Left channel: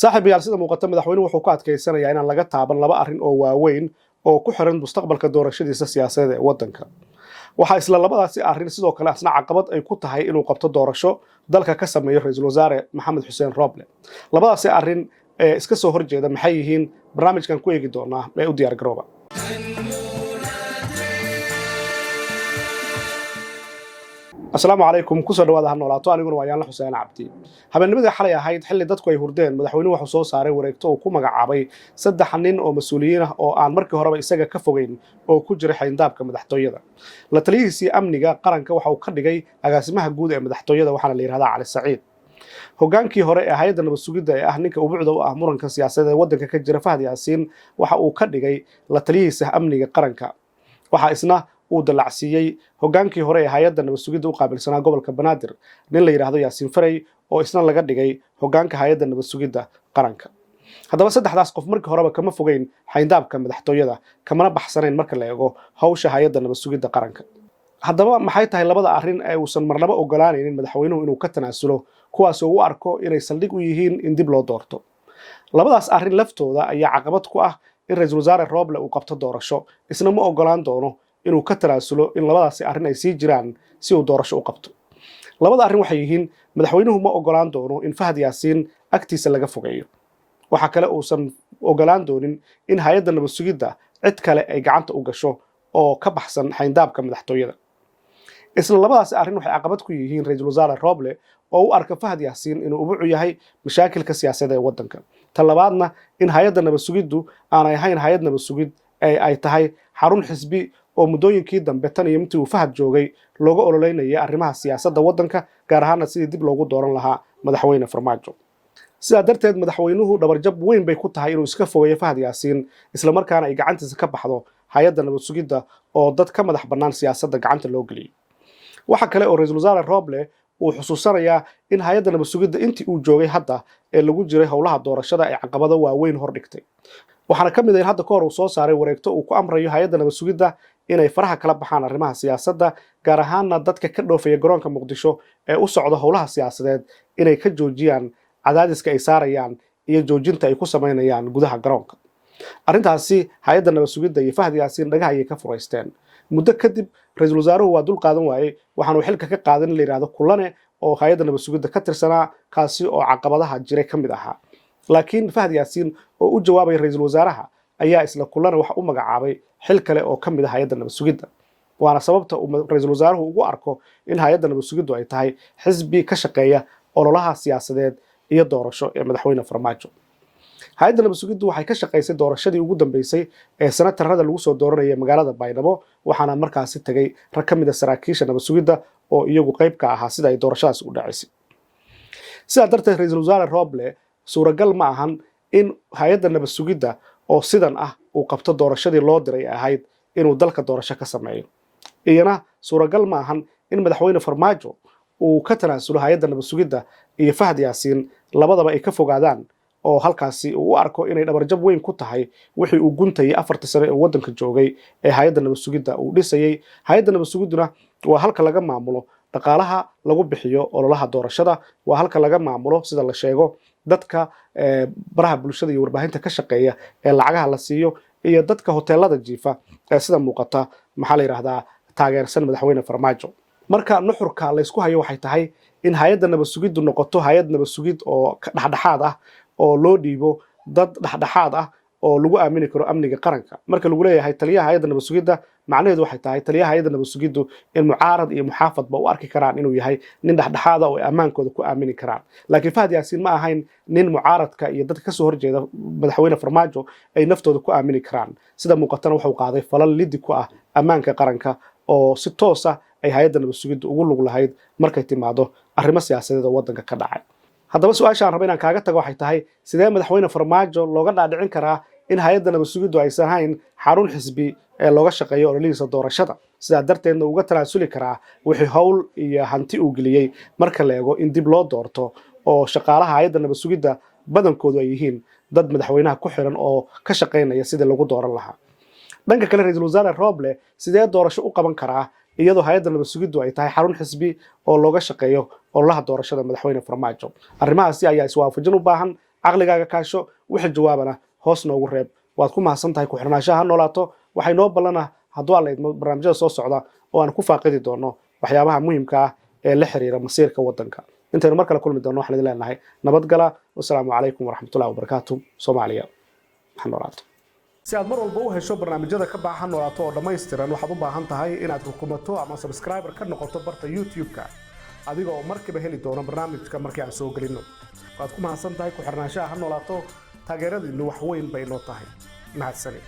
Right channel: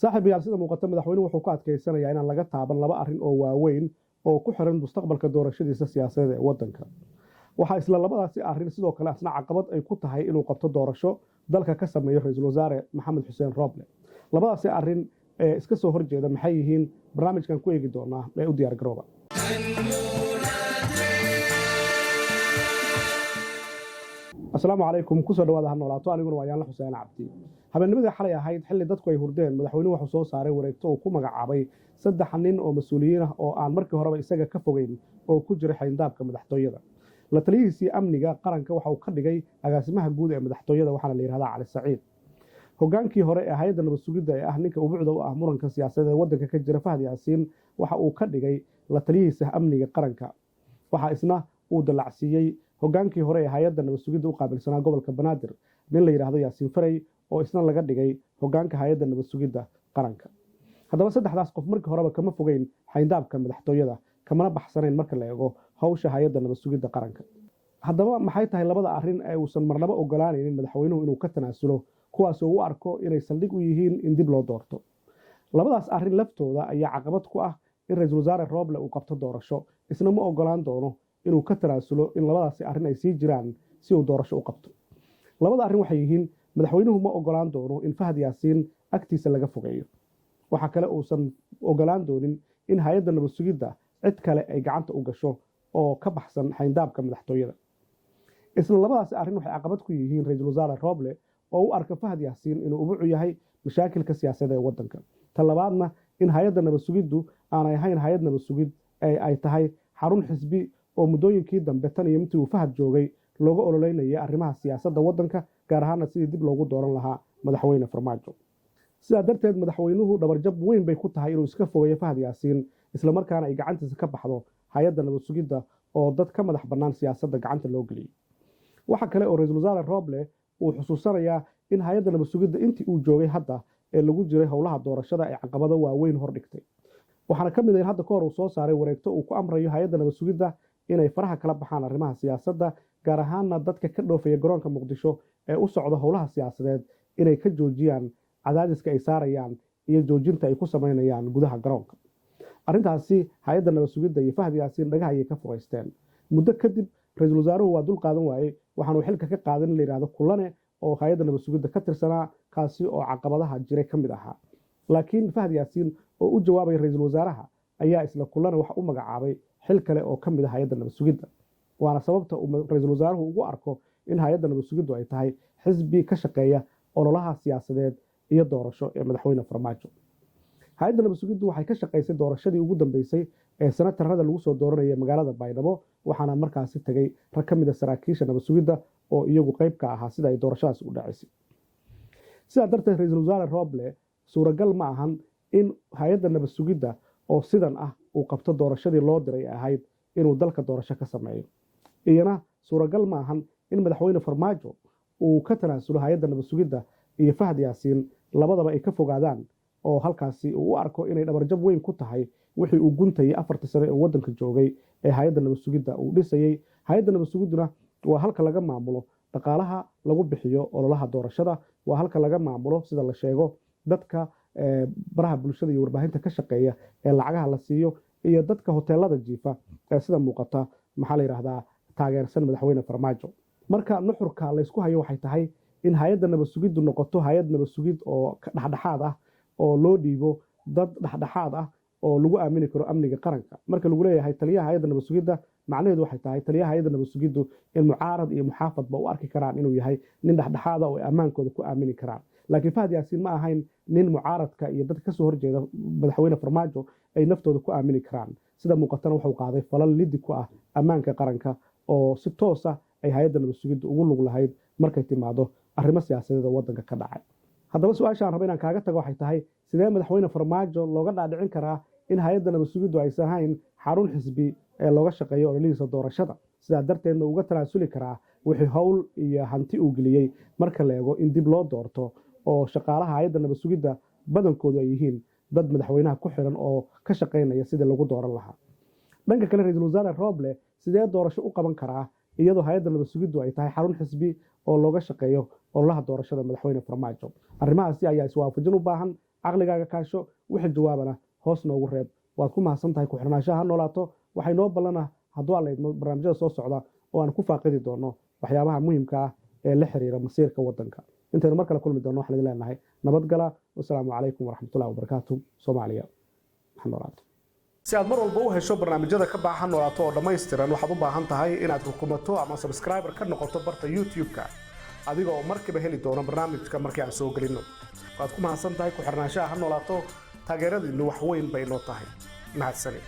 saaxiib yaal sida muuqata madaxweynuhu wuxuu ku adkaysanayaa inaan laga taaban laba arrin oo waaweyn oo ku xiran mustaqbalka doorashadiisa siyaasadeed ee waddanka. Waxaa isla labadaasi arrin sidoo kale asna caqabad ay ku tahay inuu qabto doorasho dalka ka sameeyo ra'iisul wasaare Maxamed Xuseen Roble. Labadaasi arrin ee iska soo horjeeda maxay yihiin barnaamijkan ku eegi doonaa ee u diyaar garooba. Asalaamu calaykum kusoo dhawaada ha noolaato aniguna waa Yaanla Xuseen Cabdi. Habeennimadii xalay ahayd xilli dadku ay hurdeen madaxweynuhu wuxuu soo saaray wareegto uu ku magacaabay 3 nin oo mas'uuliyiin ah oo aan markii horeba isaga ka fogeyn oo ku jiray xayndaabka madaxtooyada. La taliyihiisii amniga qaranka waxa uu ka dhigay agaasimaha guud ee madaxtooyada waxaana la yiraahdaa Cali Saciid. Hogaankii hore ee hay'adda nabad sugidda ee ah ninka ubuucda u ah muranka siyaasadeed ee waddanka ka jira Fahad Yaasiin waxa uu ka dhigay la taliyihiisa amniga qaranka. Waxa isna uu dalacsiiyay hogaankii hore ee hay'adda nabad sugidda u qaabilsanaa gobolka Banaadir nin la yiraahdo Yaasiin Faray oo isna laga dhigay hogaanka hay'adda nabad sugidda qaranka. Haddaba saddexdaas qof markii horeba kama fogeyn xayndaabka madaxtooyada kamana baxsanayn marka la eego hawsha hay'adda nabad sugidda qaranka. Haddaba maxay tahay labada arrin ee uusan marnaba ogolaanaynin madaxweynuhu inuu ka tanaasulo kuwaas oo u arko inay saldhig u yihiin in dib loo doorto. Labadaas arrin laftooda ayaa caqabad ku ah in ra'iisul wasaare Roble uu qabto doorasho isna ma ogolaan doono inuu ka tanaasulo in labadaasi arrin ay sii jiraan si uu doorasho u qabto. Labada arrin waxay yihiin madaxweynuhu ma ogolaan doono in Fahad Yaasiin agtiisa laga fogeeyo. Waxa kale uusan ogolaan doonin in hay'adda nabad sugidda cid kale ay gacanta u gasho oo ka baxsan xayndaabka madaxtooyada. Isla labadaasi arrin waxay caqabad ku yihiin ra'iisul wasaare Roble oo u arka Fahad Yaasiin inuu ubuucu yahay mashaakilka siyaasadeed ee waddanka. Tan labaadna in hay'adda nabad sugiddu aanay ahayn hay'ad nabad sugid ee ay tahay xarun xisbi oo muddooyinkii dambe tan iyo intii uu Fahad joogay looga ololeynayay arrimaha siyaasadda waddanka gaar ahaanna sidii dib loogu dooran lahaa madaxweyne Farmaajo. Sidaa darteed madaxweynuhu dhabarjab weyn bay ku tahay inuu iska fogeeyo Fahad Yaasiin isla markaana ay gacantiisa ka baxdo hay'adda nabad sugidda oo dad ka madax bannaan siyaasadda gacanta loo geliyay. Waxa kale oo ra'iisul wasaare Roble uu xusuusanayaa in hay'adda nabad sugidda intii uu joogay hadda ee lagu jiray howlaha doorashada ay caqabado waaweyn hor dhigtay. Waxaana ka mid ah in hadda ka hor uu soo saaray wareegto uu ku amrayo hay'adda nabad sugidda inay faraha kala baxaan arrimaha siyaasadda gaar ahaanna dadka ka dhoofaya garoonka Muqdisho ee u socda howlaha siyaasadeed inay ka joojiyaan cadaadiska ay saarayaan iyo joojinta ay ku sameynayaan gudaha garoonka. Arrintaasi hay'adda nabad sugidda iyo Fahad Yaasiin dhagaha ayay ka furaysteen. Muddo kadib ra'iisul wasaaruhu waa dul qaadan waayay waxaanu xilka ka qaadan la yiraahdo Kulane oo hay'adda nabad sugidda ka tirsanaa kaasi oo caqabadaha jiray ka mid ahaa. Laakiin Fahad Yaasiin oo u jawaabay ra'iisul wasaaraha ayaa isla Kulane waxa u magacaabay xil kale oo ka mid ah hay'adda nabad sugidda. Waana sababta uu ra'iisul wasaaruhu ugu arko in hay'adda nabad sugiddu ay tahay xisbi ka shaqeeya ololaha siyaasadeed iyo doorasho ee madaxweyne Farmaajo. Hay'adda nabad sugiddu waxay ka shaqeysay doorashadii ugu dambeysay ee senatarada lagu soo dooranayay magaalada Baydhabo waxaana markaasi tagay rag ka mid ah saraakiisha nabad sugidda oo iyagu qayb ka ahaa sida ay doorashadaas u dhacaysay. Sidaa darteed ra'iisul wasaare Roble suuragal ma ahan in hay'adda nabad sugidda oo sidan ah uu qabto doorashadii loo diray ahayd inuu dalka doorasho ka sameeyo. Iyana suuragal ma ahan in madaxweyne Farmaajo uu ka tanaasulo hay'adda nabad sugidda iyo Fahad Yaasiin labadaba ay ka fogaadaan oo halkaasi uu u arko inay dhabarjab weyn ku tahay wixii uu guntayay 4 sano ee waddanka joogay ee hay'adda nabad sugidda uu dhisayay. Hay'adda nabad sugidduna waa halka laga maamulo dhaqaalaha lagu bixiyo ololaha doorashada, waa halka laga maamulo sida la sheego dadka baraha bulshada iyo warbaahinta ka shaqeeya ee lacagaha la siiyo iyo dadka hoteelada jiifa ee sida muuqata maxaa la yiraahdaa taageersan madaxweyne Farmaajo. Marka nuxurka la isku hayo waxay tahay in hay'adda nabad sugiddu noqoto hay'ad nabad sugid oo dhexdhexaad ah oo loo dhiibo dad dhexdhexaad ah oo lagu aamini karo amniga qaranka. Marka lagu leeyahay taliyaha hay'adda nabad sugidda macnaheedu waxay tahay taliyaha hay'adda nabad sugiddu in mucaarad iyo muxaafadba u arki karaan inuu yahay nin dhexdhexaad ah oo ammaankooda ku aamini karaan. Laakiin Fahad Yaasiin ma ahayn nin mucaaradka iyo dadka ka soo horjeeda madaxweyne Farmaajo ay naftooda ku aamini karaan. Sida muuqatana wuxuu qaaday falal liddi ku ah ammaanka qaranka oo si toos ah ay hay'adda nabad sugiddu ugu lug lahayd markay timaado arrimo siyaasadeed oo waddanka ka dhacay. Haddaba su'aasha aan rabo inaan kaaga tago waxay tahay sidee madaxweyne Farmaajo looga dhaadhicin karaa in hay'adda nabad sugiddu aysan ahayn xarun xisbi ee looga shaqeeyo ololihiisa doorashada sidaa darteedna uga tanaasuli karaa wixii howl iyo hanti uu geliyey marka la eego in dib loo doorto oo shaqaalaha hay'adda nabad sugidda badankoodu ay yihiin dad madaxweynaha ku xiran oo ka shaqeynaya sidii lagu dooran lahaa. Dhanka kale ra'iisul wasaare Roble sidee doorasho u qaban karaa iyadoo hay'adda nabad sugiddu ay tahay xarun xisbi oo looga shaqeeyo ololaha doorashada madaxweyne Farmaajo. Arrimahaasi ayaa iswaafajin u baahan caqligaaga kaasho wixii jawaabana hoos noogu reeb waad ku mahadsan tahay ku xirnaanshaha ha noolaato waxay noo ballana hadduu alla idmo barnaamijyada soo socda oo aan ku faaqidi doono waxyaabaha muhiimka ah ee la xiriira masiirka waddanka intaynu mar kale kulmi doono waxaan idin leenahay nabadgala wasalaamu calaykum waraxmatullahi wabarakaatu soomaaliya ha noolaato si aad mar walba u hesho barnaamijyada ka baahan noolaato oo dhammaystiran waxaad u baahan tahay inaad rukumato ama subscriber ka noqoto barta YouTube-ka adiga oo markiiba heli doono barnaamijka markii aan soo gelino waad ku mahadsan tahay ku xirnaanshaha ha noolaato taageeradiinnu wax weyn bay noo tahay mahadsanid